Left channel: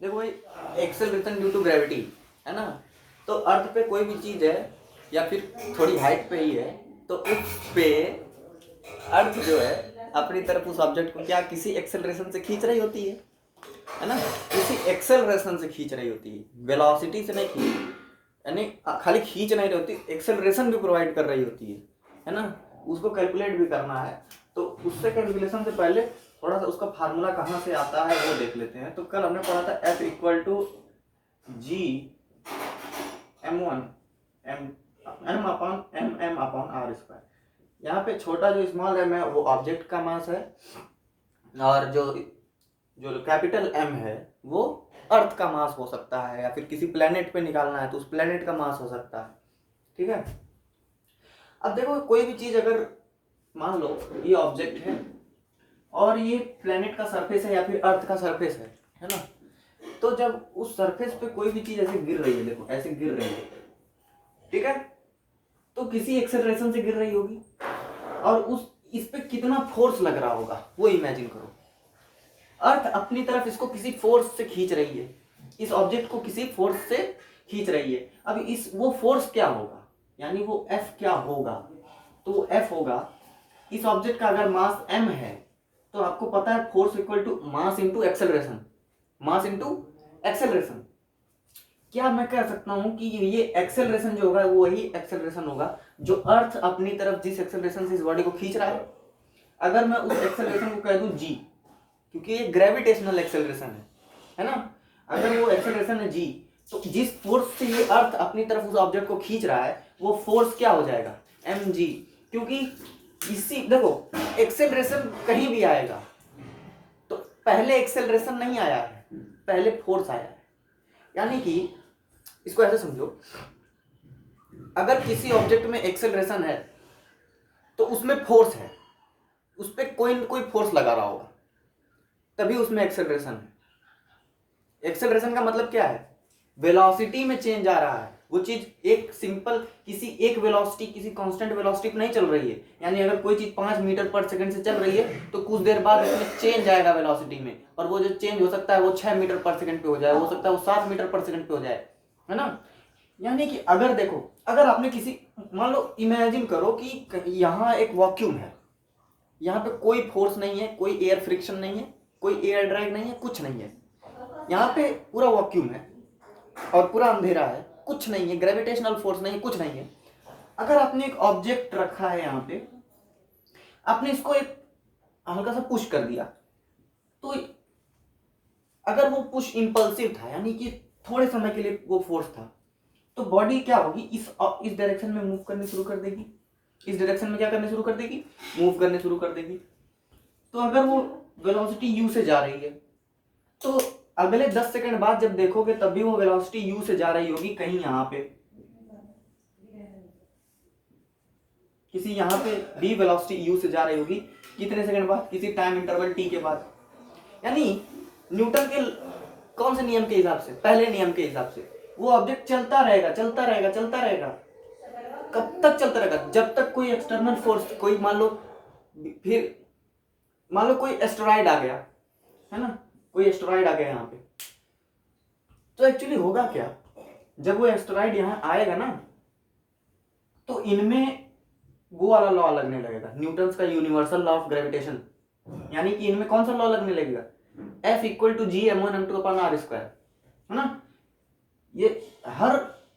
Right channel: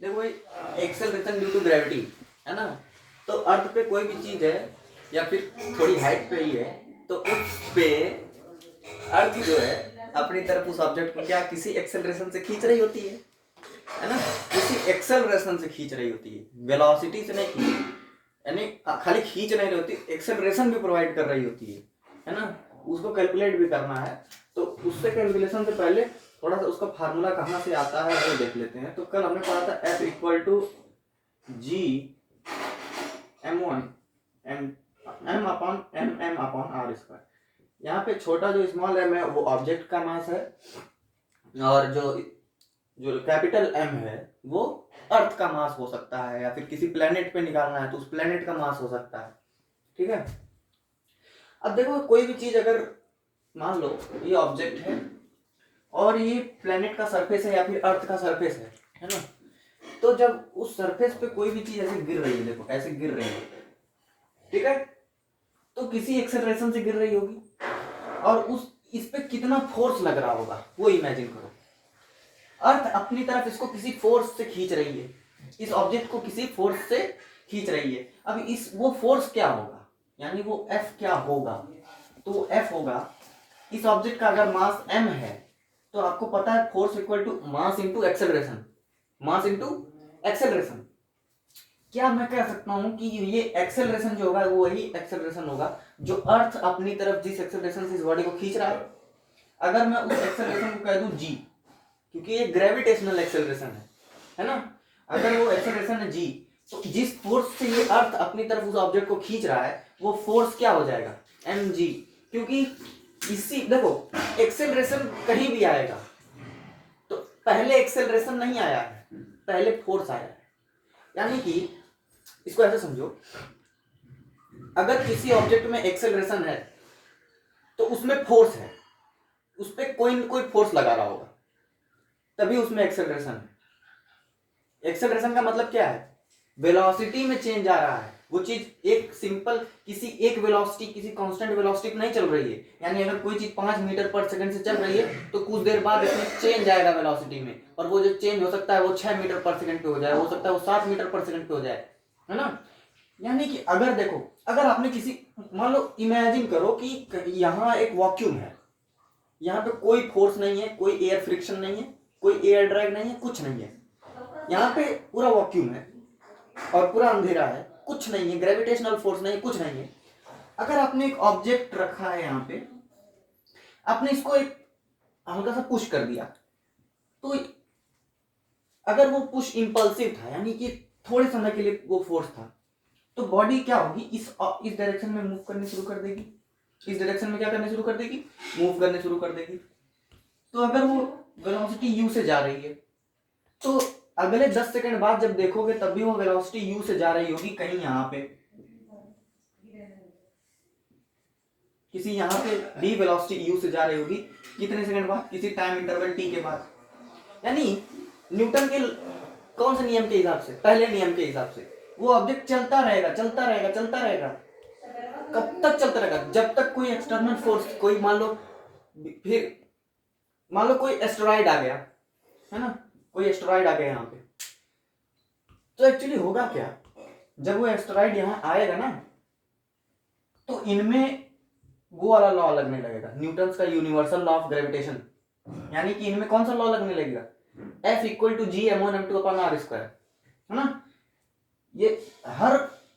देखो भाई, acceleration due to gravity है ना। तो अर्थ पे कोई भी चीज है या फिर थोड़ी हाइट पे ही है, तो उस पे अर्थ जो है अपनी तरफ उस ऑब्जेक्ट को क्या किसी एक्सेलरेशन से खींच रही होती है ना। किसी एक्सेलरेशन से खींच रही होती है, वेलोसिटी से नहीं खींच, यानी खाली खींच नहीं रही होती, एक्सेलरेशन भी प्रोवाइड कर रही होती है ना। उसको कैलकुलेट भी करना है, तो उससे कैलकुलेशन से पहले थोड़ा सा उसका फार्मूला कहाँ से आता है वो देख लेते हैं। तो कल हमने पढ़ा था F equal to G m upon R square. यहाँ पे छोटा जो स्मॉल m है वो ऑब्जेक्ट का मास है, और जो जो कैपिटल M है वो अर्थ का मास हो सकता है, या फिर किसी प्लेनेट पे निकालना है तो उस प्लेनेट का मास हो सकता है। ठीक है। अब देखो, कोई भी चीज अगर मान लो ये ऑब्जेक्ट है और ये प्लेनेट का सरफेस है या फिर अर्थ का सरफेस है ना। तो जब उस सरफेस पे कोई भी चीज ऐसे गिर रही है, देखो ऐसे गिर रही है, ठीक है, तो किसी एक्सेलरेशन से गिर रही होगी, और उस इस पे कितना फोर्स लग रहा होगा वो इमेजिन करो। अर्थ अपनी तरफ इसको किसी फोर्स से खींच रही है, इस ऑब्जेक्ट को किसी फोर्स से खींच रही है। अब इस वो फोर्स क्या होगा, यानी वो F क्या होगा, तो वो F होगा, इस ऑब्जेक्ट का अगर मास m है तो आपको पता है force equal to mass into acceleration, mass into acceleration. क्या मैं कह सकता हूं कि ये एक्सेलरेशन जो होगा वो वही एक्सेलरेशन होगा जो अर्थ अपनी तरफ जिस एक्सेलरेशन से इस बॉडी को खींच रहा है। अगर मैं उस एक्सेलरेशन को कह दूं g, क्योंकि ये ग्रेविटेशनल एक्सेलरेशन है ना। अगर वो एक्सेलरेशन है g, तो जिस फोर्स से ये अर्थ अपनी तरफ उस ऑब्जेक्ट को खींच रहा है वो फोर्स क्या हो जाएगा, mg। क्योंकि इसी देखो, एक्सेलरेशन कहीं भी आएगा तो पहले एक्सेलरेशन नहीं आया है, पहले फोर्स आया है। यानी कि इसको ऐसे समझो, अगर किसी ऑब्जेक्ट में एक्सेलरेशन है तो उसमें फोर्स है, उस पर कोई न कोई फोर्स लगा रहा होगा, तभी उसमें एक्सेलरेशन है। एक्सेलरेशन का मतलब क्या है, वेलोसिटी में चेंज आ रहा है। वो चीज एक सिंपल किसी एक वेलोसिटी, किसी कांस्टेंट वेलोसिटी पे नहीं चल रही है। यानी अगर कोई चीज 5 मीटर पर सेकंड से चल रही है तो कुछ देर बाद इसमें चेंज आएगा वेलोसिटी में, और वो जो चेंज हो सकता है वो 6 मीटर पर सेकंड पे हो जाए, हो सकता है वो 7 मीटर पर सेकंड पे हो जाए, है ना। यानी कि अगर देखो, अगर आपने किसी, मान लो इमेजिन करो कि यहाँ एक वॉक्यूम है, यहाँ पे कोई फोर्स नहीं है, कोई एयर फ्रिक्शन नहीं है, कोई एयर ड्रैग नहीं है, कुछ नहीं है, यहाँ पे पूरा वॉक्यूम है और पूरा अंधेरा है, कुछ नहीं है, ग्रेविटेशनल फोर्स नहीं, कुछ नहीं है। अगर आपने एक ऑब्जेक्ट रखा है यहाँ पे, आपने इसको एक हल्का सा पुश कर दिया, तो अगर वो पुश इंपल्सिव था, यानी कि थोड़े समय के लिए वो फोर्स था, तो बॉडी क्या होगी, इस डायरेक्शन में मूव करनी शुरू कर देगी, इस डायरेक्शन में क्या करने शुरू कर देगी, मूव करने शुरू कर देगी। तो अगर वो वेलोसिटी u से जा रही है तो अगले 10 सेकंड बाद जब देखोगे तब भी वो वेलोसिटी u से जा रही होगी, कहीं यहाँ पे, किसी यहाँ पे भी वेलोसिटी u से जा रही होगी, कितने सेकंड बाद, किसी टाइम इंटरवल t के बाद। यानी न्यूटन के कौन से नियम के हिसाब से, पहले नियम के हिसाब से वो ऑब्जेक्ट चलता रहेगा चलता रहेगा चलता रहेगा। कब तक चलता रहेगा, जब तक कोई एक्सटर्नल फोर्स, कोई मान लो, फिर मान लो कोई एस्टेरॉइड आ गया, है ना, कोई एस्टेरॉइड आ गया यहाँ पे, तो एक्चुअली होगा क्या, जब वो एस्टेरॉइड यहाँ आएगा ना तो इनमें वो वाला लॉ लगने लगेगा, न्यूटन का यूनिवर्सल लॉ ऑफ ग्रेविटेशन। यानी कि इनमें कौन सा लॉ लगने लगेगा, F equal to G m1m2 upon R square, है ना। ये हर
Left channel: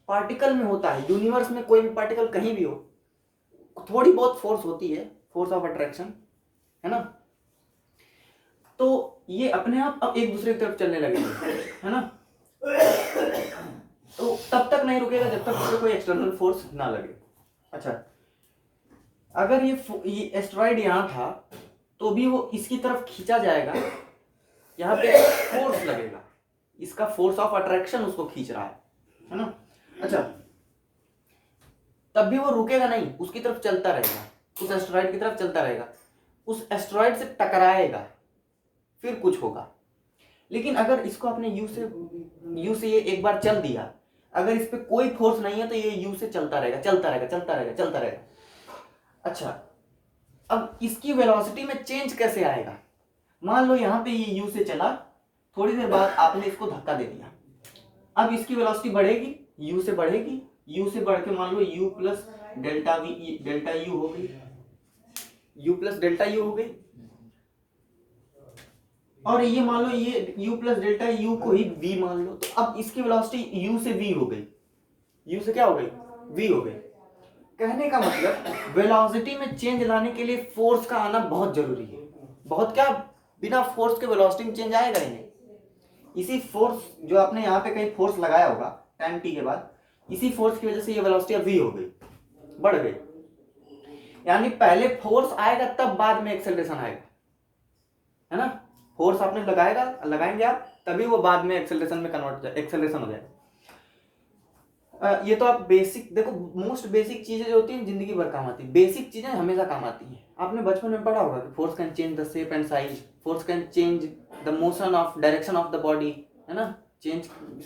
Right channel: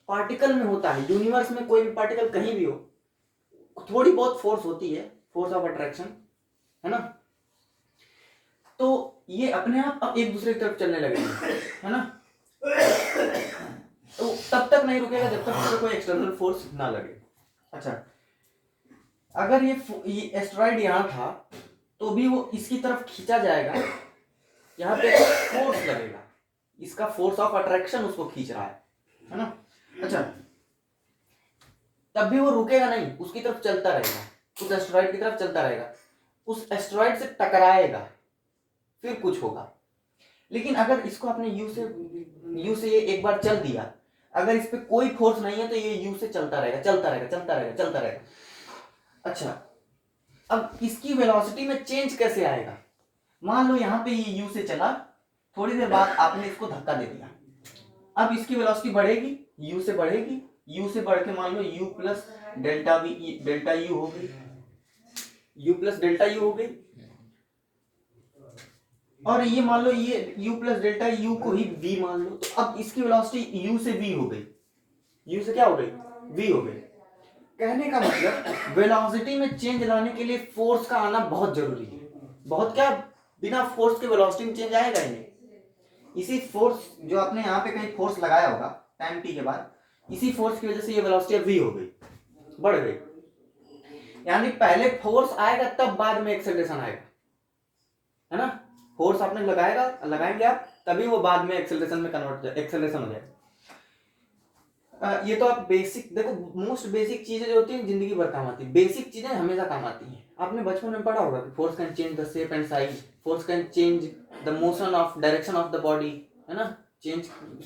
पार्टिकल में होता है, यूनिवर्स में कोई भी पार्टिकल कहीं भी हो, थोड़ी बहुत फोर्स होती है, फोर्स ऑफ अट्रैक्शन, है ना। तो ये अपने आप अब एक दूसरे की तरफ चलने लगेंगे, है ना। तो तब तक नहीं रुकेगा जब तक उससे कोई एक्सटर्नल फोर्स ना लगे। अच्छा, अगर ये एस्टेरॉइड यहाँ था तो भी वो इसकी तरफ खींचा जाएगा, यहाँ पे फोर्स लगेगा, इसका फोर्स ऑफ अट्रैक्शन उसको खींच रहा है ना। अच्छा, तब भी वो रुकेगा नहीं, उसकी तरफ चलता रहेगा, उस एस्टेरॉइड की तरफ चलता रहेगा, उस एस्टेरॉइड से टकराएगा, फिर कुछ होगा। लेकिन अगर इसको अपने यू से ये एक बार चल दिया, अगर इस पे कोई फोर्स नहीं है तो ये यू से चलता रहेगा चलता रहेगा चलता रहेगा चलता रहेगा। अच्छा, अब इसकी वेलोसिटी में चेंज कैसे आएगा, मान लो यहाँ पे ये यू से चला, थोड़ी देर बाद आपने इसको धक्का दे दिया, अब इसकी वेलोसिटी बढ़ेगी, u से बढ़ेगी, u से बढ़ के मान लो u plus delta we delta u हो गई, u प्लस डेल्टा u हो गई। और ये मान लो ये u प्लस डेल्टा u को ही v मान लो, तो अब इसकी वेलोसिटी u से v हो गई, u से क्या हो गई, v हो गई। कहने का मतलब वेलोसिटी में चेंज लाने के लिए फोर्स का आना बहुत जरूरी है। बहुत क्या, बिना फोर्स के वेलोसिटी में चेंज आएगा ही नहीं। इसी फोर्स जो आपने यहाँ पे कहीं फोर्स लगाया होगा टाइम t के बाद, इसी फोर्स की वजह से ये वेलोसिटी अब v हो गई, बढ़ गई। यानी पहले फोर्स आएगा तब बाद में एक्सेलरेशन आएगा, है ना। फोर्स आपने लगाएंगे आप, तभी वो बाद में एक्सेलरेशन में एक्सेलरेशन हो जाएगा। ये तो आप बेसिक देखो, मोस्ट बेसिक चीजें जो होती हैं जिंदगी भर काम आती है, बेसिक चीजें हमेशा काम आती हैं। आपने बचपन में पढ़ा होगा कि force can change the shape and size, force can change the motion of direction of the body, है ना।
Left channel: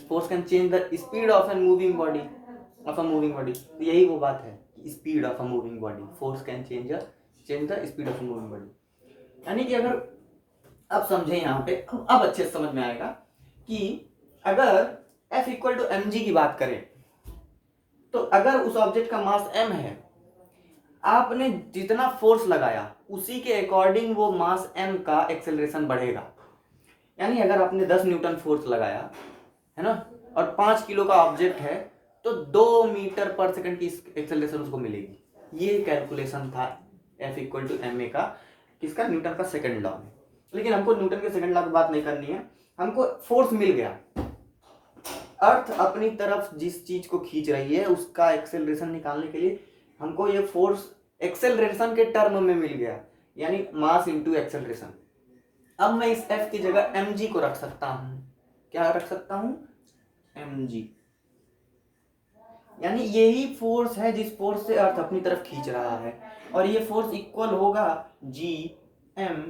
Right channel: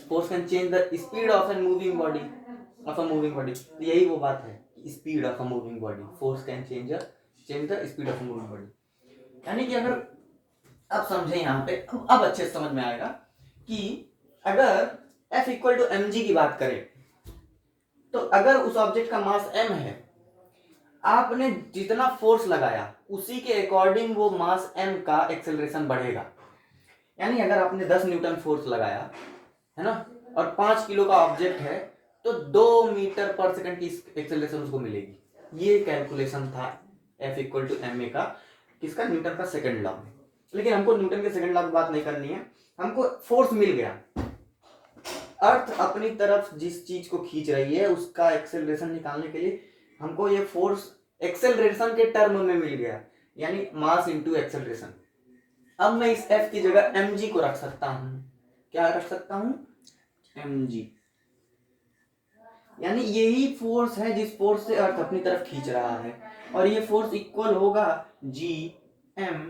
Force can change the speed of an moving body, of a moving body. तो यही वो बात है, speed of a moving body, force can change the speed of a moving body. यानी कि अगर आप समझे यहाँ पे, अब अच्छे से समझ में आएगा कि अगर F equal to M G की बात करें, तो अगर उस ऑब्जेक्ट का मास m है, आपने जितना फोर्स लगाया उसी के अकॉर्डिंग वो मास m का एक्सेलरेशन बढ़ेगा। यानी अगर आपने 10 न्यूटन फोर्स लगाया, है ना, और 5 किलो का ऑब्जेक्ट है, तो 2 मीटर पर सेकंड की एक्सेलरेशन उसको मिलेगी। ये कैलकुलेशन था F equal to M A का, किसका, न्यूटन का सेकंड लॉ में। लेकिन हमको न्यूटन के सेकंड लॉ की बात नहीं करनी है, हमको फोर्स मिल गया। अर्थ अपनी तरफ जिस चीज को खींच रही है उसका एक्सेलरेशन निकालने के लिए हमको ये फोर्स एक्सेलरेशन के टर्म में मिल गया, यानी मास इनटू एक्सेलरेशन। अब मैं इस F की जगह mg को रख सकता हूं, क्या रख सकता हूं, mg। यानी यही फोर्स है जिस फोर्स से अर्थ अपनी तरफ खींच रहा है, और ये फोर्स इक्वल होगा g m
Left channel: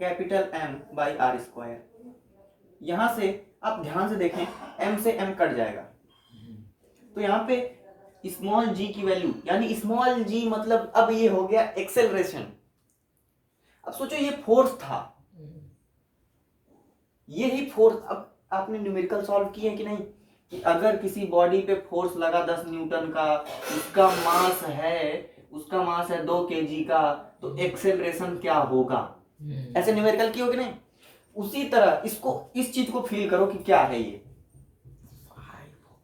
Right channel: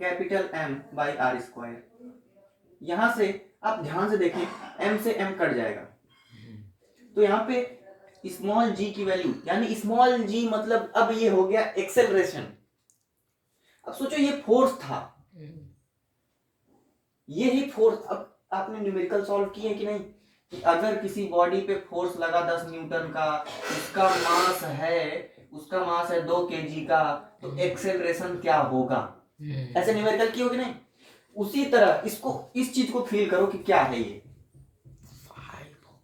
capital M by R square. यहां से आप ध्यान से देखें, m से m कट जाएगा, तो यहाँ पे स्मॉल g की वैल्यू, यानी स्मॉल g मतलब अब ये हो गया एक्सेलरेशन। अब सोचो ये फोर्स था, ये ही फोर्स। अब आपने न्यूमेरिकल सॉल्व किए कि नहीं, कि अगर किसी बॉडी पे फोर्स लगा 10 न्यूटन का, उसका मास है 2 kg का, तो एक्सेलरेशन क्या होगा। ऐसे न्यूमेरिकल किए हो कि नहीं। उसी तरह इसको, इस चीज को फील करो कि क्या है ये,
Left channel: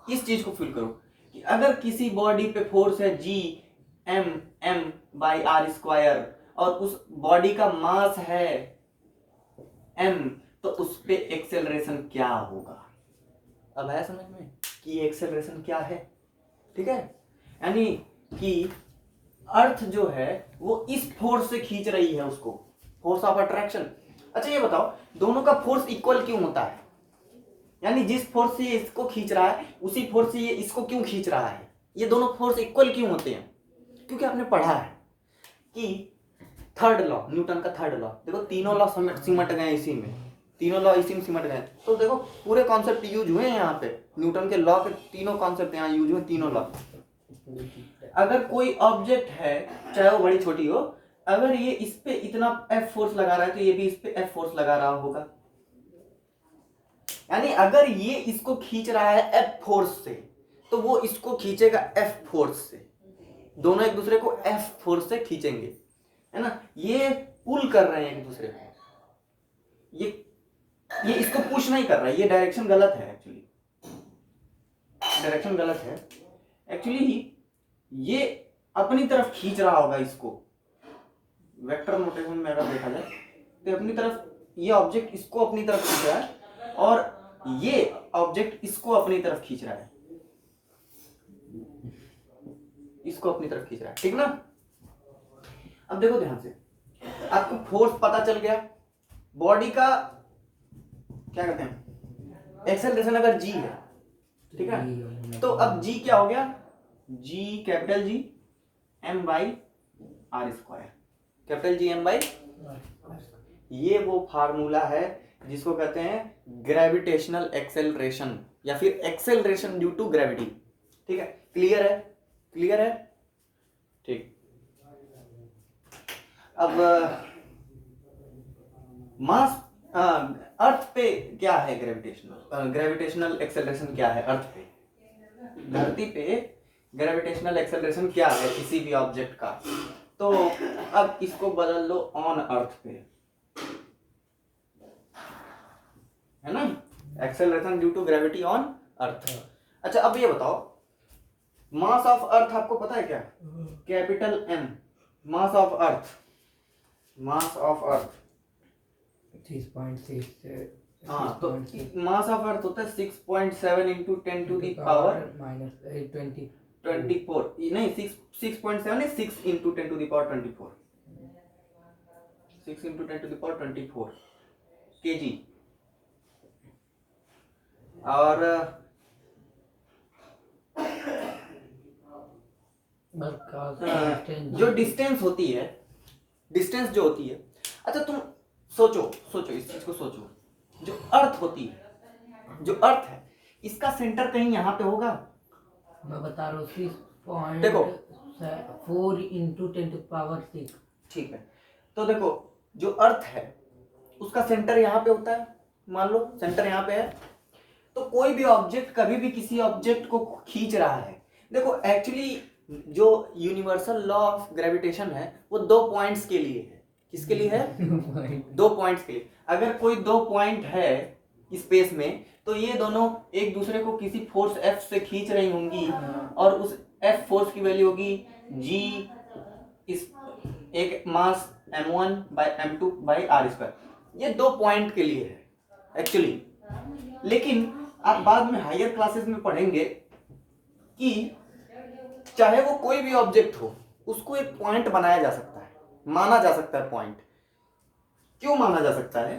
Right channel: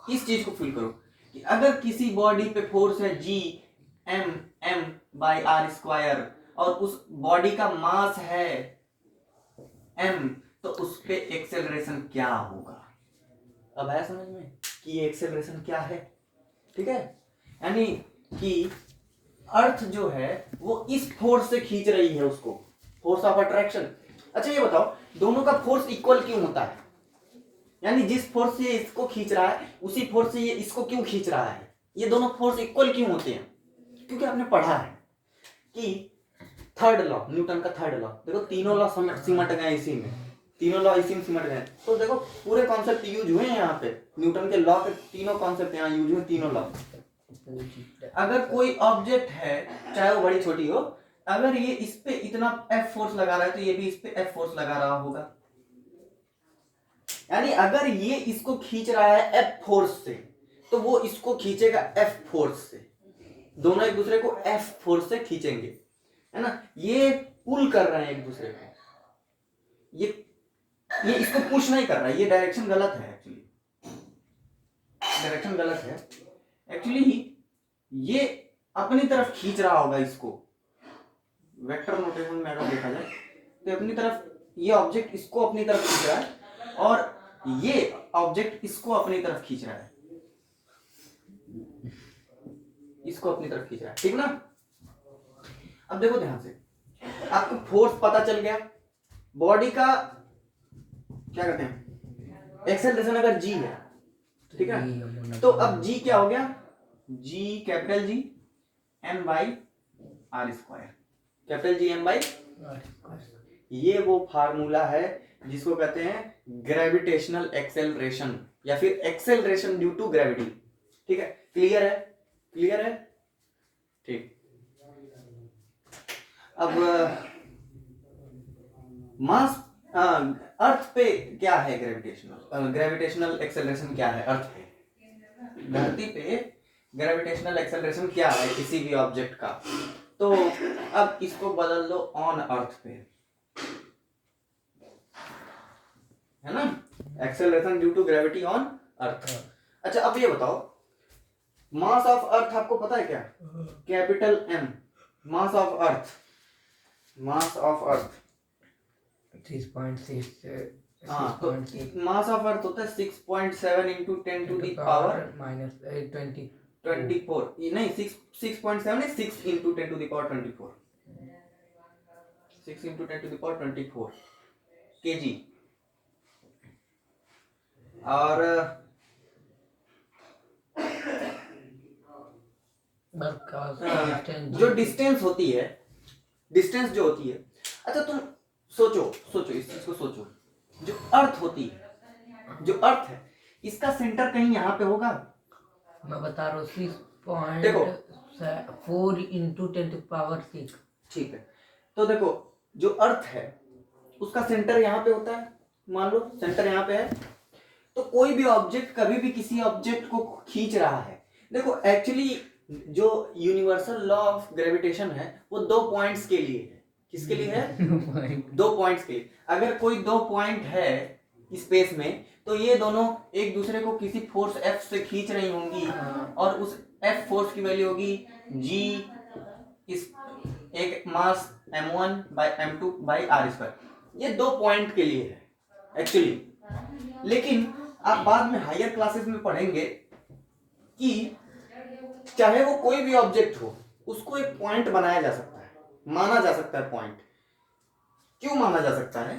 इस चीज को फील करो कि अगर किसी बॉडी पे फोर्स है g m by R square, और उस बॉडी का मास है m, तो उस पे एक्सेलरेशन क्या होगा। अब है समझ में कि एक्सेलरेशन क्या है, ठीक है। यानी कि अर्थ जो है वो इस फोर्स से खींच रही है उसको, फोर्स ऑफ अट्रैक्शन। अच्छा ये बताओ, दोनों का फोर्स इक्वल क्यों होता है, यानी जिस फोर्स से ये इसको खींच रहा है उसी फोर्स से ये इसको क्यों खींच रहा है, ये दोनों फोर्स इक्वल क्यों होते हैं। क्योंकि आपने पढ़ा है कि थर्ड लॉ, न्यूटन का थर्ड लॉ, देखो तीनों लॉ सिमट गए इसी में, तीनों लॉ इसी में सिमट गए। तो देखो पूरे कॉन्सेप्ट यूज हुए हैं यहाँ पे, न्यूटन के लॉ के तीनों कॉन्सेप्ट यहाँ यूज हुए, तीनों लॉ। अगर कोई ऑब्जेक्ट है, चाहे वो बड़ी छोटी हो, अगर ये इस पे इतना F फोर्स लगा रहा है तो ये भी इस पे F फोर्स लगा रहा होगा। यानी अगर ये इसको खींच रहा है F फोर्स से, तो वो इसको खींचेगा F फोर्स से, दोनों एक दूसरे को F फोर्स से खींचेंगे, है ना। ये पुल कर रहे हैं एक दूसरे को, ये इसको पुश नहीं कर रहा है, ये डायरेक्शन गलत है एक्चुअली, डायरेक्शन गलत है एक्चुअली। ये अपनी तरफ खींच रहा होगा इसको, वेक्टर नोटेशन में अगर देखा जाए तो अपनी तरफ, ये ऑब्जेक्ट इसको अपनी तरफ खींच रहा है और ये ऑब्जेक्ट इसको अपनी तरफ खींच रहा है, इसको अपनी तरफ खींच रहा है, ठीक ना। अब देखो ध्यान से, आपको फोर्स पता चल गया, बॉडी का क्या कहते हैं, एक्सेलरेशन अगर g है, ठीक है, तो अब g क्या हो गया, g capital G m by R square, capital G m by, ये वो फार्मूला है जिसको कहते हैं ग्रेविटेशनल एक्सेलरेशन या फिर एक्सेलरेशन ड्यू टू ग्रेविटी, ठीक है। क्लियर है, क्लियर है, ठीक। अब मास अर्थ पे क्या है ग्रेविटेशनल एक्सेलरेशन क्या है अर्थ पे, धरती पे ग्रेविटेशनल एक्सेलरेशन क्या है किसी भी ऑब्जेक्ट का। तो अब इसको बदल दो ऑन अर्थ पे, है ना, acceleration due to gravity on earth. अच्छा अब ये बताओ मास ऑफ अर्थ आपको पता है क्या, capital M, mass of earth, mass of earth 6.6 हाँ, तो मास ऑफ अर्थ होता है 6.7 इंटू 10 टू द पावर -24 नहीं 6.7 है 6 into 10 to the power 24, 6 into 10 to the power 24 KG. और जो डिस्टेंस होती है, डिस्टेंस जो होती है, अच्छा तुम सोचो इस चीज को सोचो, जो अर्थ होती है, जो अर्थ है इसका सेंटर कहीं यहाँ पे होगा, मैं बता रहा हूँ 6.4 देखो इंटू 10 टू पावर 6। ठीक है, तो देखो जो अर्थ है उसका सेंटर यहाँ पे होता है, मान लो सेंटर यहाँ पे है, तो कोई भी ऑब्जेक्ट कभी भी किसी ऑब्जेक्ट को खींच रहा है। देखो एक्चुअली जो यूनिवर्सल लॉ ऑफ ग्रेविटेशन है वो 2 पॉइंट्स के लिए है, किसके लिए है 2 पॉइंट्स के लिए। अगर कोई 2 पॉइंट है स्पेस में तो ये दोनों एक दूसरे को किसी फोर्स F से खींच रही होंगी और उस F फोर्स की वैल्यू होगी G इस एक मास m1 bye m2 bye r²। ये 2 पॉइंट के लिए है एक्चुअली, लेकिन आप बाद में हायर क्लासेस में पढ़ेंगे कि चाहे वो कोई भी ऑब्जेक्ट हो उसको एक पॉइंट बनाया जा सकता है, माना जा सकता है पॉइंट। क्यों माना जा सकता है,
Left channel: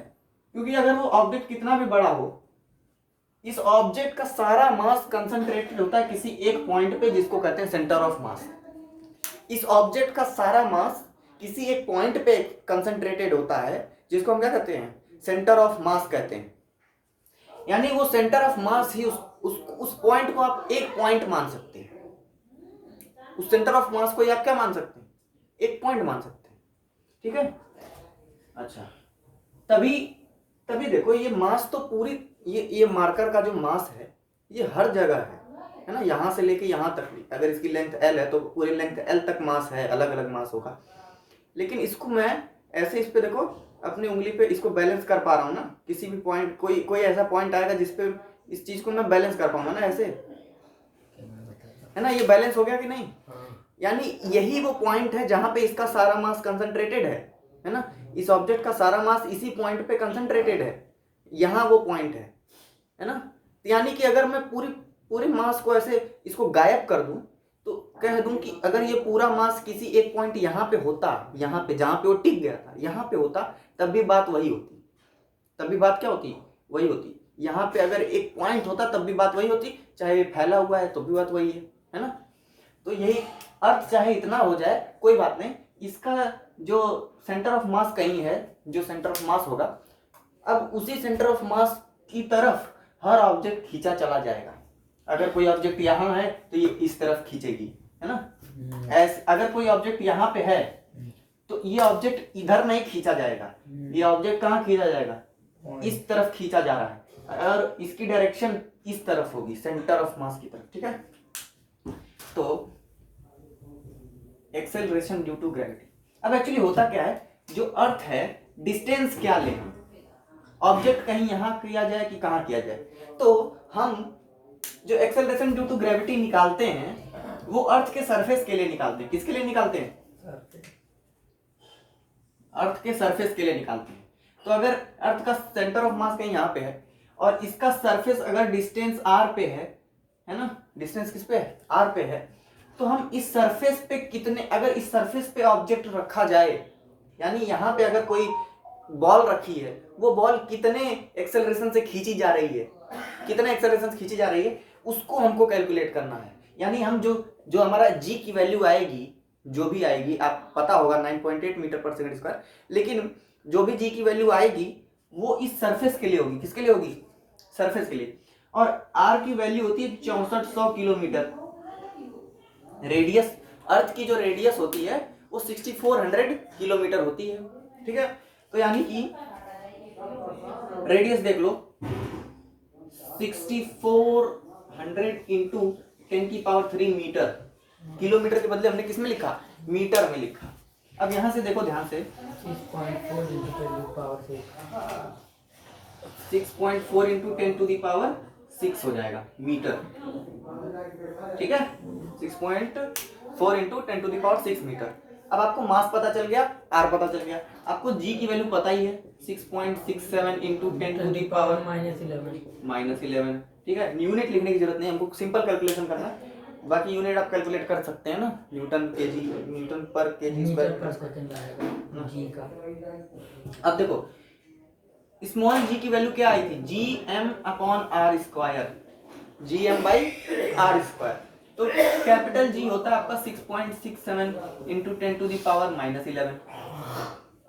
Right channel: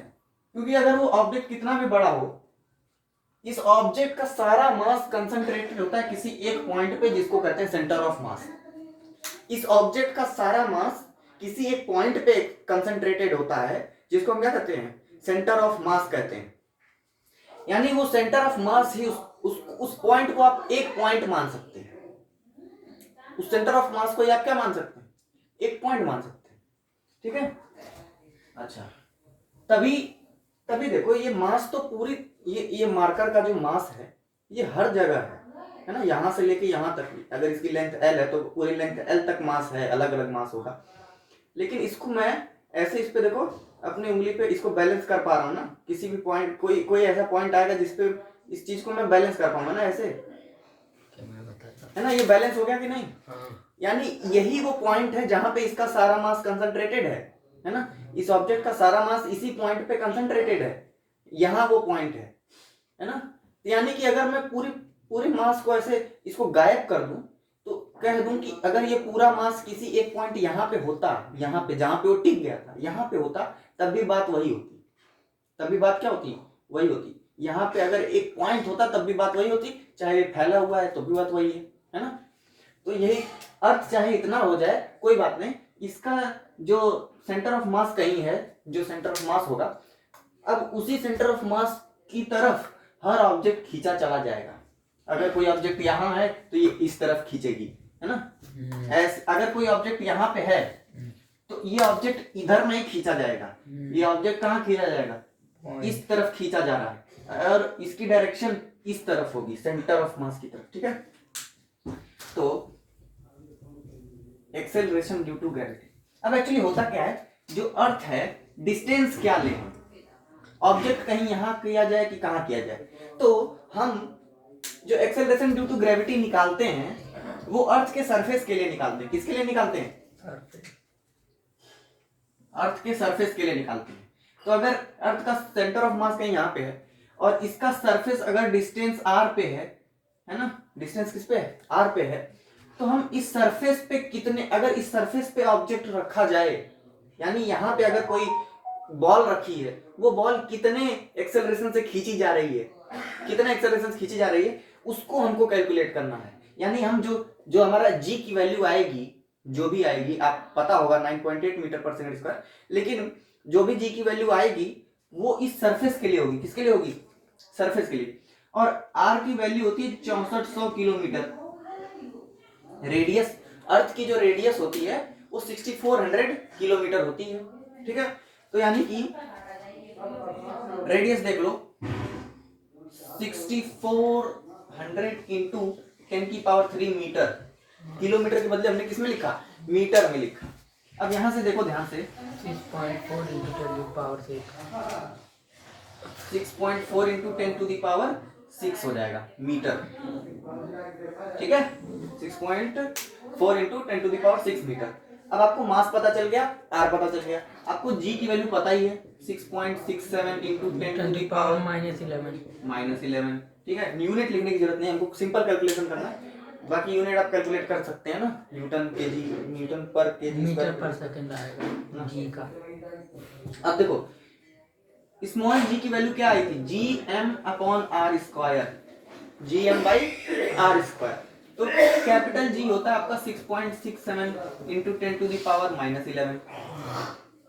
क्योंकि अगर वो ऑब्जेक्ट कितना भी बड़ा हो, इस ऑब्जेक्ट का सारा मास कंसंट्रेटेड होता है किसी एक पॉइंट पे जिसको कहते हैं सेंटर ऑफ मास। इस ऑब्जेक्ट का सारा मास किसी एक पॉइंट पे कंसंट्रेटेड होता है जिसको हम क्या कहते हैं सेंटर ऑफ मास कहते हैं। यानी वो सेंटर ऑफ मास ही उस पॉइंट को आप एक पॉइंट मान सकते हैं, उस सेंटर ऑफ मास को आप क्या मान सकते हैं एक पॉइंट मान सकते हैं, ठीक है। अच्छा तभी देखो ये मास तो पूरी ये मार्कर का जो मास है ये हर जगह है ना, यहाँ से लेके यहाँ तक भी, अगर इसकी लेंथ L है तो पूरी लेंथ L तक मास है, अलग अलग मास होगा। लेकिन इसको मैं ऐसे इस पे देखो अपनी उंगली पे इसको बैलेंस कर पा रहा हूँ ना, किसी भी पॉइंट कोई ऐसा पॉइंट आएगा जिसपे इस चीज को मैं बैलेंस कर पाऊंगा ना, ऐसे है ना, ये बैलेंस हो गया कि नहीं। यानी यही वो पॉइंट है जहां पे इसका सारा मास कंसंट्रेटेड है ना, इस ऑब्जेक्ट का सारा मास इसी पॉइंट पे कंसंट्रेटेड है, यहाँ वो पॉइंट है ना। यानी कि अगर मैं पूरे मास को ऐसे इसको गायब कर दूं तो कह दूं कि अगर ये पूरा मास किसी एक पॉइंट यहाँ पे होता, यहाँ पे जहां पे वो टिक गया था यहाँ पे होता, तब भी बात वही होती, तब भी बात क्या होती वही होती। यहाँ पे अगर एक पॉइंट होता तब भी बात वही होती, चाहे ये फैला हुआ है तो भी बात वही है ना। तो यही अर्थ चाहे इतना हो जाए कोई बात नहीं, इसका जो सेंटर ऑफ मास कहीं है, जो सेंटर ऑफ मास होगा, अब उसी सेंटर ऑफ मास की तरफ हर ऑब्जेक्ट खींचा चला जाएगा। अगर कोई ऑब्जेक्ट यहाँ है तो ये इस तरफ खींचेगी, है ना। ऐसे अगर कोई ऑब्जेक्ट यहाँ पे है तो ये ऑब्जेक्ट इधर नहीं खींचा जाएगा, ये ऑब्जेक्ट कहाँ खींचा जाएगा, इस तरफ खींचा जा रहा है और इसकी डायरेक्शन इस तरफ होगी, सेंटर ऑफ मास की तरफ, ठीक है। तो एक्सेलरेशन ड्यू टू ग्रेविटी। अब एक्चुअली होता क्या है, जो अर्थ है डिस्टेंस क्या ले, ऑब्जेक्ट कहीं यहाँ किया जाए कि कहाँ किया जाए, तो हम जो एक्सेलरेशन ड्यू टू ग्रेविटी निकालते हैं वो अर्थ के सरफेस के लिए निकालते हैं। किसके लिए निकालते हैं, अर्थ के सरफेस के लिए निकालते हैं। तो अगर अर्थ का सेंटर ऑफ मास कहीं यहाँ पे है और इसका सरफेस अगर डिस्टेंस r पे है ना, डिस्टेंस किस पे है r पे है, तो हम इस सरफेस पे कितने, अगर इस सरफेस पे ऑब्जेक्ट रखा जाए, यानी यहाँ पे अगर कोई बॉल रखी है, वो बॉल कितने एक्सेलरेशन से खींची जा रही है, कितने एक्सेलरेशन से खींची जा रही है, उसको हमको कैलकुलेट करना है। यानी हम जो हमारा g की वैल्यू आएगी, जो भी आएगी, आप पता होगा 9.8 मीटर पर सेकंड स्क्वायर, लेकिन जो भी g की वैल्यू आएगी वो इस सरफेस के लिए होगी, किसके लिए होगी, सरफेस के लिए। और r की वैल्यू होती है 6400 किलोमीटर, रेडियस, अर्थ की जो रेडियस होती है वो 6400 किलोमीटर होती है, ठीक है। तो यानी कि रेडियस देख लो 6400 इंटू 10⁻³ मीटर। किलोमीटर के बदले हमने किसमें लिखा, मीटर में लिखा। अब यहां से देखो ध्यान से 6.4 into 10⁻⁶ 6.4 इंटू 10⁻⁶ हो जाएगा मीटर, ठीक है। 6.4 इंटू 10⁻⁶ मीटर। अब आपको मास पता चल गया, आर पता चल गया, आपको जी की वैल्यू पता ही है 6.67 इंटू 10⁻⁻11, ठीक है। यूनिट लिखने की जरूरत नहीं, हमको सिंपल कैलकुलेशन करना है। बाकी यूनिट आप कैलकुलेट कर सकते हैं ना, न्यूटन केजी, न्यूटन पर केजी मीटर पर सेकंड आएगा जी का। अब देखो स्मॉल जी की वैल्यू क्या आई थी, G M upon R square, G M by R square. तो कैपिटल जी होता है आपका 6.67 इंटू 10⁻⁻11,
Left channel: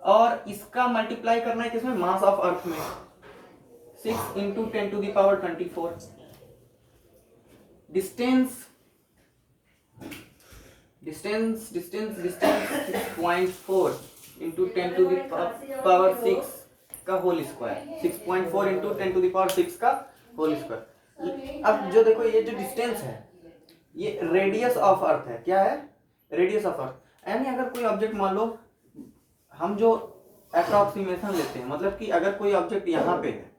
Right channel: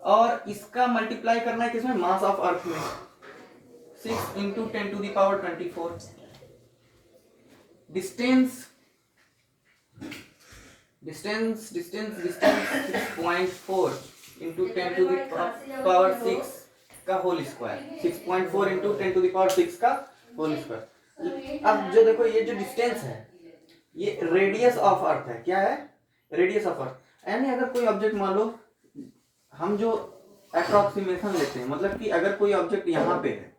और इसका मल्टीप्लाई करना है किसमें, मास ऑफ अर्थ में, 6 इंटू 10⁻24। डिस्टेंस 6.4 इंटू 10⁻⁶ का होल स्क्वायर, 6.4 इंटू 10⁻⁶ का होल स्क्वायर। अब जो देखो ये जो डिस्टेंस है ये रेडियस ऑफ अर्थ है, क्या है, रेडियस ऑफ अर्थ। यानी अगर कोई ऑब्जेक्ट मान लो, हम जो अप्रोक्सीमेशन लेते हैं, मतलब कि अगर कोई ऑब्जेक्ट यहाँ पे है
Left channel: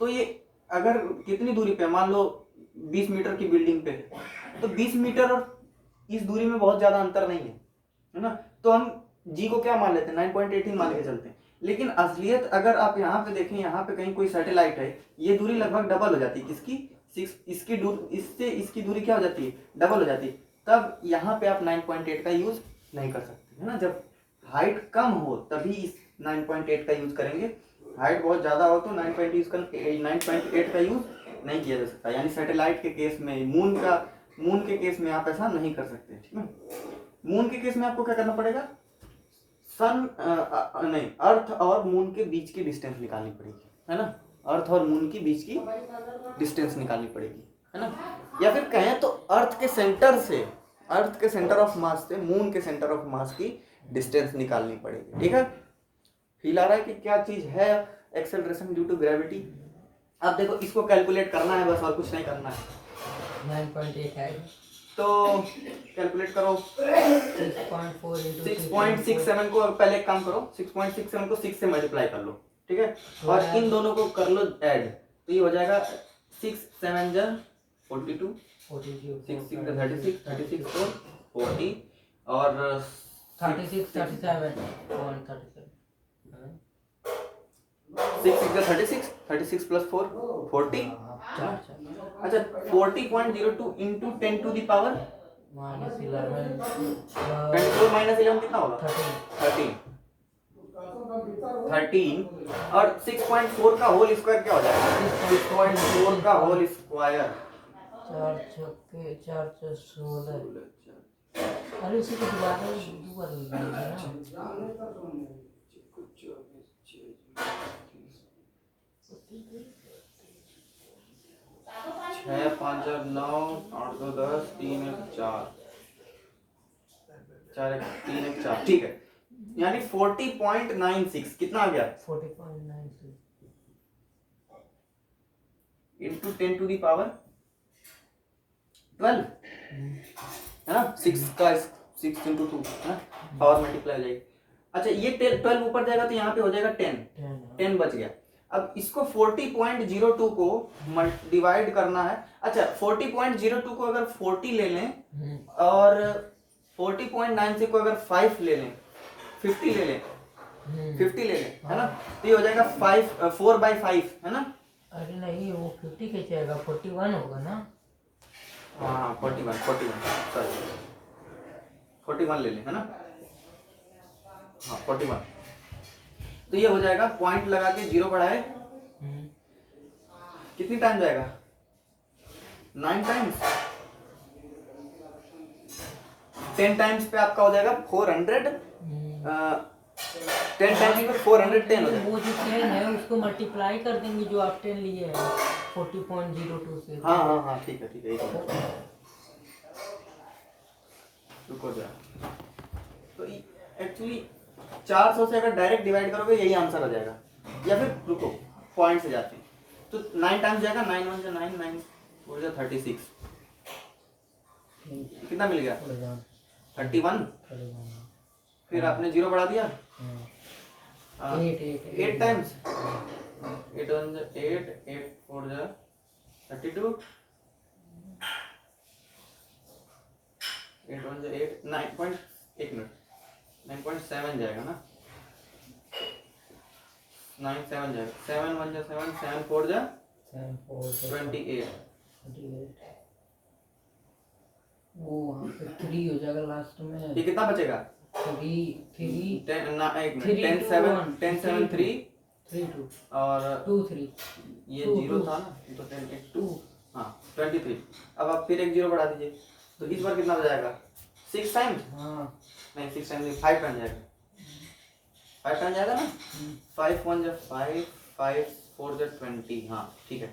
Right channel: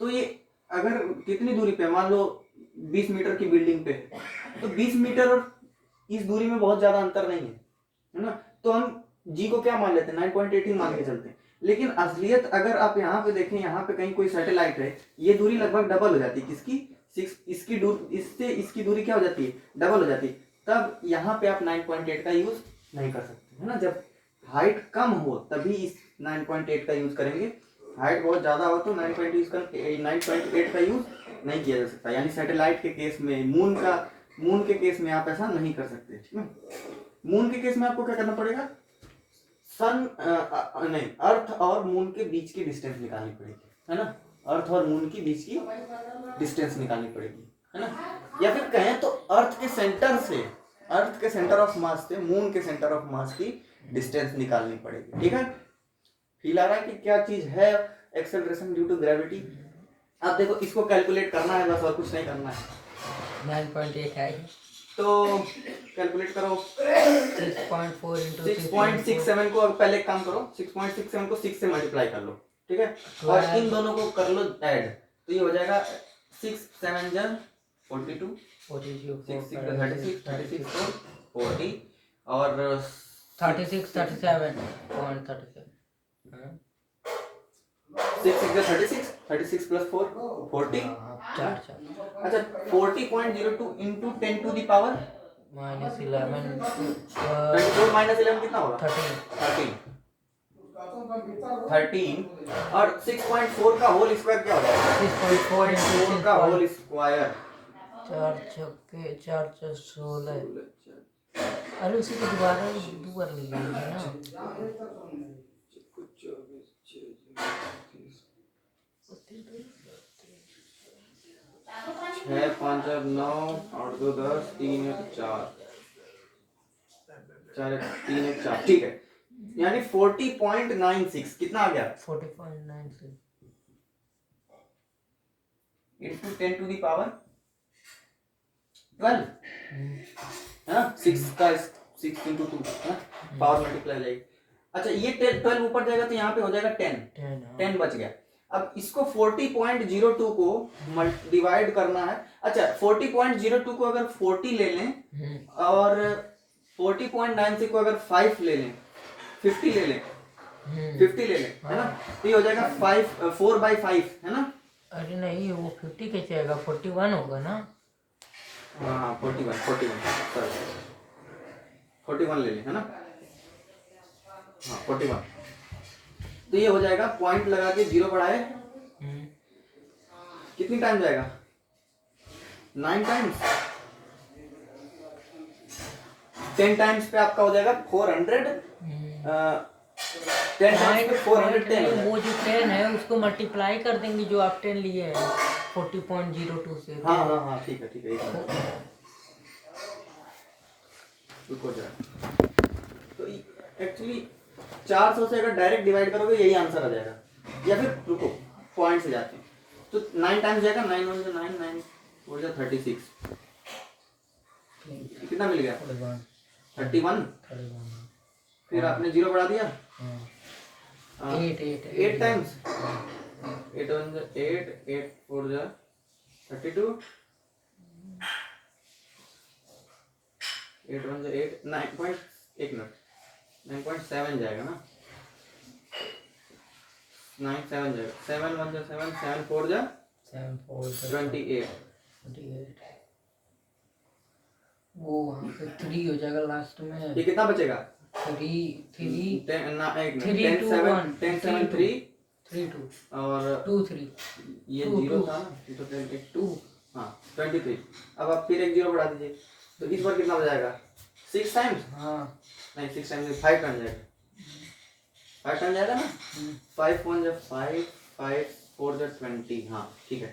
तो ये अगर कितनी दूरी पे, मान लो 20 मीटर की बिल्डिंग पे है, तो 20 मीटर और इस दूरी में बहुत ज्यादा अंतर नहीं है ना, तो हम जी को क्या मान लेते हैं, 9.18 मान के चलते हैं। लेकिन असलियत अगर आप यहाँ पे देखें, यहाँ पे कहीं कोई सैटेलाइट है, ये दूरी लगभग डबल हो जाती है, किसकी, इसकी दूरी, इससे इसकी दूरी क्या हो जाती है, डबल हो जाती है। तब यहाँ पे आप 9.8 का यूज नहीं कर सकते, है ना। जब हाइट कम हो तभी इस 9.8 का यूज करेंगे, हाइट बहुत ज्यादा हो तो 9.8 का यूज नहीं किया जा सकता। यानी सैटेलाइट के केस में, मून के केस में आप ऐसा नहीं कर सकते, ठीक है। मून के केस में आपको क्या करना पड़ेगा, नहीं, अर्थ और मून के बीच की डिस्टेंस निकालनी पड़ेगी, है ना। अर्थ और मून के बीच की डिस्टेंस निकालनी पड़ेगी, है ना। या फिर कहें तो अर्थ के सेंटर ऑफ मास से मून के सेंटर ऑफ मास की डिस्टेंस निकालनी पड़ेगी, ठीक है। फील आ रहा है कि क्या चीज है एक्सेलरेशन ड्यू टू ग्रेविटी। अब देखो इसको कैलकुलेट करना है बस, और कुछ नहीं करना है। 9.8 है तो कैलकुलेट करो 6.4 into 6.67 को, अब पहले एक काम करो, 6.67 को 6 से मल्टीप्लाई कर लो, ठीक है। और इन दोनों को कर लो ऐड, तो ये हो जाएगा 6 7 जन 42, 42 6 6 36 36 4 40 और 36 37.37 6 6 36 36 प्लस 4 40। अच्छा 40.02 इंटू 10⁻⁻11 24 माइनस 11 कितना होगा, 13 और 6.4 का होल स्क्वायर क्या हो जाएगा, 6.4 का होल स्क्वायर 4 छक्के 4 16। अरे इसी को दोबारा दो बार ले लेंगे ना। 6 5 9 8 2 10 3 1 4 4 3 1 4, ठीक है। यानी 40.96 कितना आ गया, 40.96 इंटू 10⁻12 है ना, 6 का 6 इंटू 2 है ना, पावर मल्टीप्लाई जाएगी। अच्छा ये 12 ऊपर जाएगा तो यहाँ पे हो जाएगा 10 बच गया। अब इसको 40.02 को डिवाइड करना है। अच्छा 40.02 को अगर 40 ले लें और 40.96 को अगर 5 ले लें, 50 ले लें, 50 ले लें, है ना, तो ये हो जाएगा 4/5, है ना। अरे नहीं वो 50 कैसे आएगा, 41 होगा ना। हाँ 41 सॉरी 41 ले लें, है ना, हाँ 41। तो ये हो जाएगा, पॉइंट लगा के 0 बढ़ाए कितनी टाइम जाएगा, 9 टाइम्स, 10 टाइम्स पे आपका हो जाएगा 400, 10 टाइम्स पे 410 हो जाएगा। वो जो 10 है उसको मल्टीप्लाई कर देंगे जो आप 10 लिए हैं 40.02 से। हाँ हाँ हाँ ठीक है एक मिनट रुको जरा। तो एक्चुअली 400 से अगर डायरेक्ट डिवाइड करोगे यही आंसर आ जाएगा, या फिर रुको पॉइंट से जाते हैं। तो 9 टाइम्स जाएगा, 9 1 9 9 हो गया 36। कितना मिल गया? 31। फिर आपने 0 बढ़ा दिया, 8 टाइम्स, 8 1 8 8 4 32, 8 1 8 9 एक मिनट 9.7 जाएगा ना, 9 7 जाएगा, 7 1 7 7 4 28। वो वहाँ पे 3 हो जाएगा लास्ट में। ये कितना बचेगा? 3 10 3 2 7 1 10 7 3 3 2 और 2 3 ये 2 0 2 था ना, तो 10 2 2 हाँ 23। अब आप फिर एक 0 बढ़ा दीजिए, तो इस बार कितना हो जाएगा? 6 टाइम्स, हाँ नहीं 6 टाइम्स 5 टाइम्स जाएगा, 5 टाइम्स जाएगा ना, 5 1 5 5 4 20। हाँ ठीक है,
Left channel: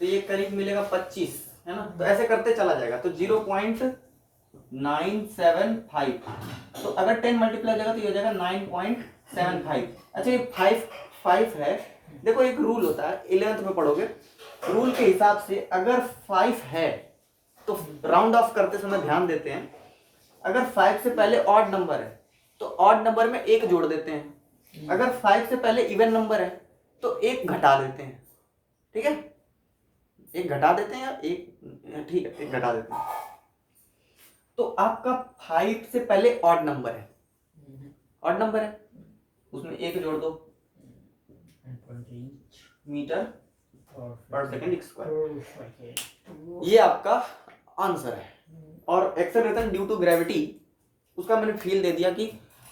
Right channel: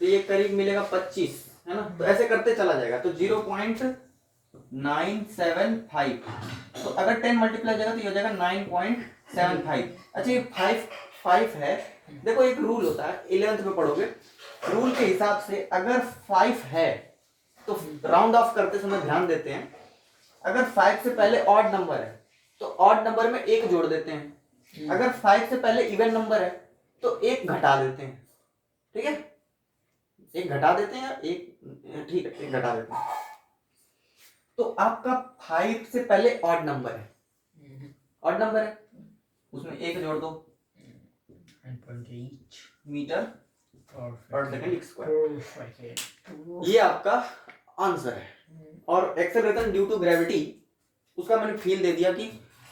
तो ये करीब मिलेगा 25 है ना। तो ऐसे करते चला जाएगा, तो 0.975। तो अगर 10 मल्टीप्लाई जाएगा तो ये हो जाएगा 9.75। अच्छा ये 5 है, देखो एक रूल होता है 11th में पढ़ोगे, रूल के हिसाब से अगर 5 है तो राउंड ऑफ करते समय ध्यान देते हैं, अगर 5 से पहले ऑड नंबर है तो ऑड नंबर में 1 जोड़ देते हैं, अगर 5 से पहले इवन नंबर है तो 1 घटा देते हैं, ठीक है, 1 घटा देते हैं या 1, ठीक है 1 घटा देते हैं। तो आपका 5 से पहले ऑड नंबर है, ऑड नंबर है, उसमें 1 जोड़ दो, मीटर पर सेकंड स्क्वायर, ये आपका आंसर है। और एक्सेलरेशन ड्यू टू ग्रेविटी, उसका मैंने फील दे दिया कि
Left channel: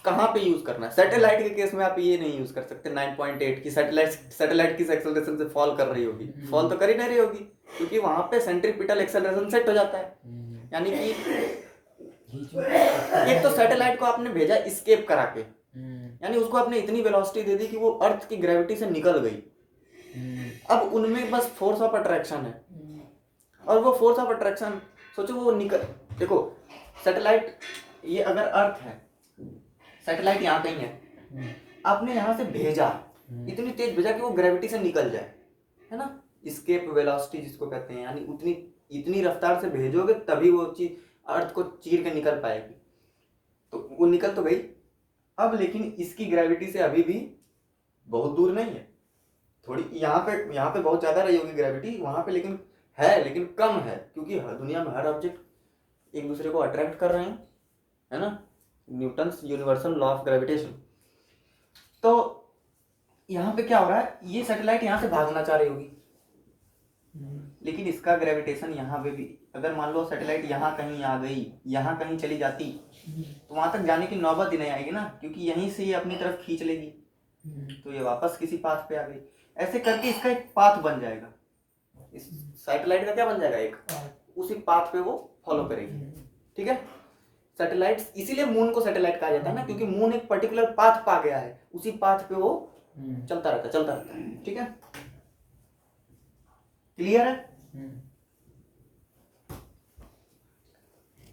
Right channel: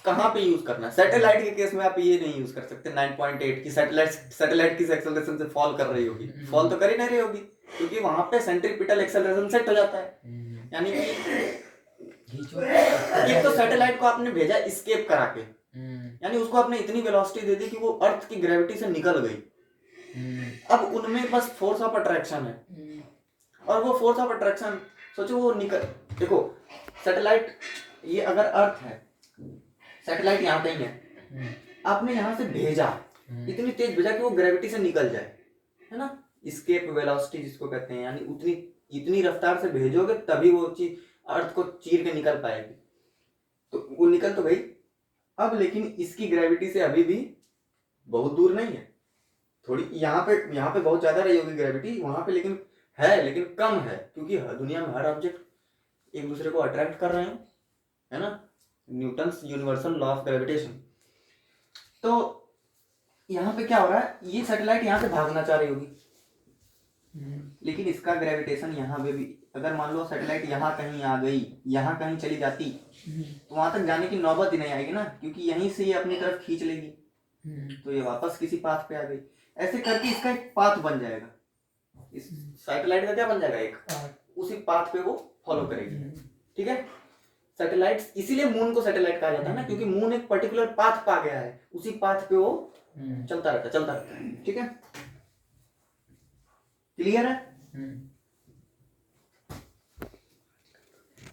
कहाँ पे यूज करना है। सैटेलाइट के केस में आप ये नहीं यूज कर सकते 9.8 की सैटेलाइट किस एक्सेलरेशन से फॉल कर रही होगी, फॉल तो कर ही नहीं रही होगी, क्योंकि वहां पे सेंट्रीपिटल एक्सेलरेशन सेट हो जाता है। यानी कि एक तो सैटेलाइट को आपने भेजा एस्केप करा के, यानी उसको आपने इतनी वेलोसिटी दे दी कि वो अर्थ की ग्रेविटी से निकल गई, अब उनमें बस फोर्स ऑफ अट्रैक्शन है, और वो फोर्स ऑफ अट्रैक्शन सोचो वो निकल, देखो सैटेलाइट, ये अगर अर्थ है, सैटेलाइट यहाँ कहीं है, आपने यहाँ से भेजा, इतनी तेज भेजा कि वो ग्रेविटी से निकल जाए, है ना, एस्केप वेलोसिटी जिसको कहते हैं, यानी उतनी इतनी रफ्तार से भेजोगे तभी वो चीज अर्थ को चीर के निकल पाएगी, तो वो निकल तो गई। अब लेकिन इसकी ग्रेविटी से अभी भी बहुत दूर नहीं है, थोड़ी यहाँ पे बहुत ज्यादा रही होगी ग्रेविटी, वहां पे लेकिन है, लेकिन कम है, क्योंकि दुनिया में हर ऑब्जेक्ट एक दूसरे को अट्रैक्ट कर रहे हैं, है ना, Newton's universal law of gravitation. तो यहाँ पे क्या हो रहा है, ये सैटेलाइट यहाँ से भागना चाह रही होगी, लेकिन इसका ग्रेविटेशन यहाँ पे भी, अगर मान लो सैटेलाइट यहाँ कहीं आ गई, यहाँ कहीं चली जाती, तो वहां तक जाने की नौबत ही नहीं आएगी ना, क्योंकि यहीं से ये अपनी तरफ खींच लेगी, तो ये वापस किसी पाथ पे आ गई। ऐसे करके इसका एक पाथ बन जाएगा, इस सैटेलाइट का क्या बन जाएगा, एक उसी पाथ पे वो फॉलो करेगी, ठीक है। सैटेलाइट, इसीलिए मून को सैटेलाइट कहा जाता है ना, क्योंकि मून एक पर्टिकुलर पाथ पा गया है, उसी पाथ पे वो चलता रहता है, ठीक है, क्लियर है।